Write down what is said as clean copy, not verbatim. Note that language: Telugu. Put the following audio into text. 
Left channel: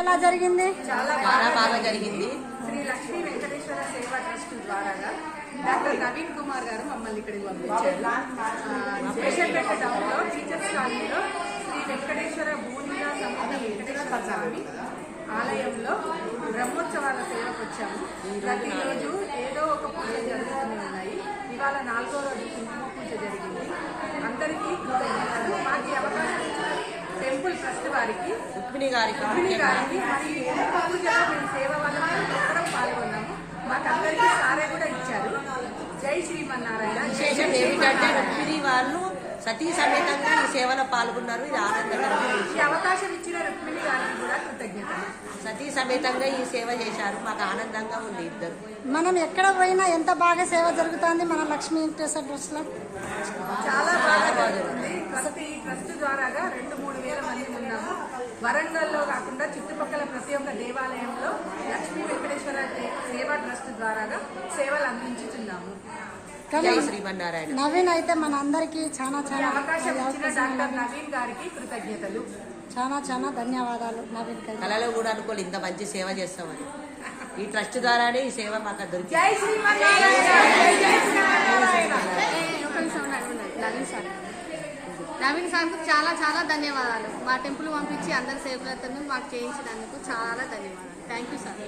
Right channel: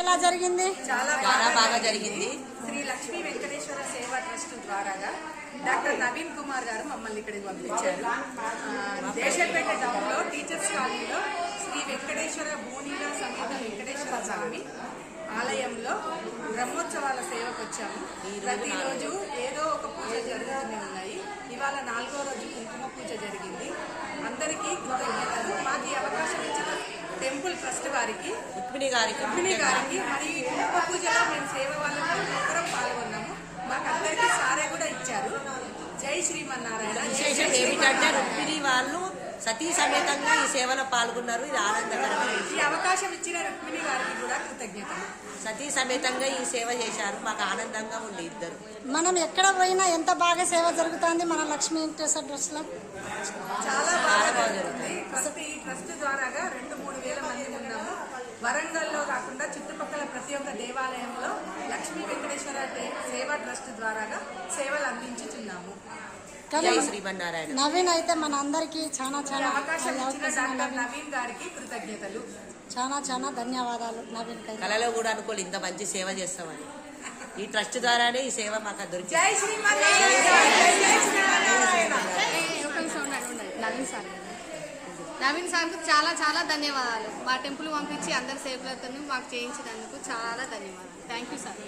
ఎలా జరిగింది? చాలా బాగా జరిగింది. శ్రీ లక్ష్మీ వెంకటేశ్వర సేవా ట్రస్ట్ ద్వారాగా డాక్టర్ నవీన్ కుమార్ గారు మమ్మల్ని ఇక్కడికి పంపించారు. దేశపేట టౌన్ లో టీచర్స్ కాలనీలో శ్రీ వెంకటేశ్వర భూనిలా సమేత వెంకటేశ్వర స్వామి ఆలయంలో బ్రహ్మోత్సవాల సేవకు వచ్చాము. ప్రతిరోజు ఏదో ఒక పూజ జరుగుతూనే ఉన్నాయి. ఇవాళ 4వ రోజు కుంకుమ పూజ జరిగింది. అందరికీ కృతజ్ఞతలు. మాకు ఈ అవకాశం ఇచ్చిన టెంపుల్ ట్రస్ట్ వారికి, రుక్మిణి గారికి మరియు కుంకుమ పూజలో మేము సేవ వాళ్ళం ప్రతి ఒక్కరం పాల్గొన్నాము. మాకందరికీ సారే కూడా ఇచ్చారు. జై శ్రీమన్నారాయణ. రుక్మిణి వాళ్ళు సతీ సమేతంగా ఈ సేవలో పాల్గొన్నారు. ఇది ఆనందకరమైన ఈ అవకాశం ఇచ్చిన రుక్మిణి గారికి కూడా కృతజ్ఞతలు. సతీ సమేతంగా ఈ సేవ చేశారు. మాకు ఆనందంగా ఉంది. ఇద్దరు మనం ఎక్కడ పోయినా ఎంత బాగా సేవ జరుగుతుంది మన లక్ష్మీ వెంకటేశ్వర ట్రస్ట్ లో. చాలా బాగా జరుగుతుంది. ఈ ట్రస్ట్ ద్వారాగా 2-3 వేల మంది ఉన్నాము. వరంగల్లో కాకుండా చుట్టుపక్కల ప్రతి ఒక్క దేవాలయంలో లక్ష్మీ వెంకటేశ్వర సేవా ట్రస్ట్ ద్వారాగా సేవలు అందించుతున్నాము. నవీన్ అయితే మన అందరికి చాలా అవకాశం ఇచ్చిన డాక్టర్ నవీన్ గారికి కృతజ్ఞతలు. చాలా ధన్యవాదాలు. నవీన్ కళలో కూడా అనుకోలేదు ఇంత మంచి సేవ చేస్తామని. ఈ ట్రస్ట్ ద్వారానే ఈ సేవ మాకు దొరికింది. జై శ్రీమన్నారాయణ. జై శ్రీమన్నారాయణ. నవీన్ సార్కు చాలా ధన్యవాదాలు. మా టెంపుల్ పంపించి అందరి సేవలను మాకు చేయించినందుకు చాలా ధన్యవాదాలు. Thank you sir.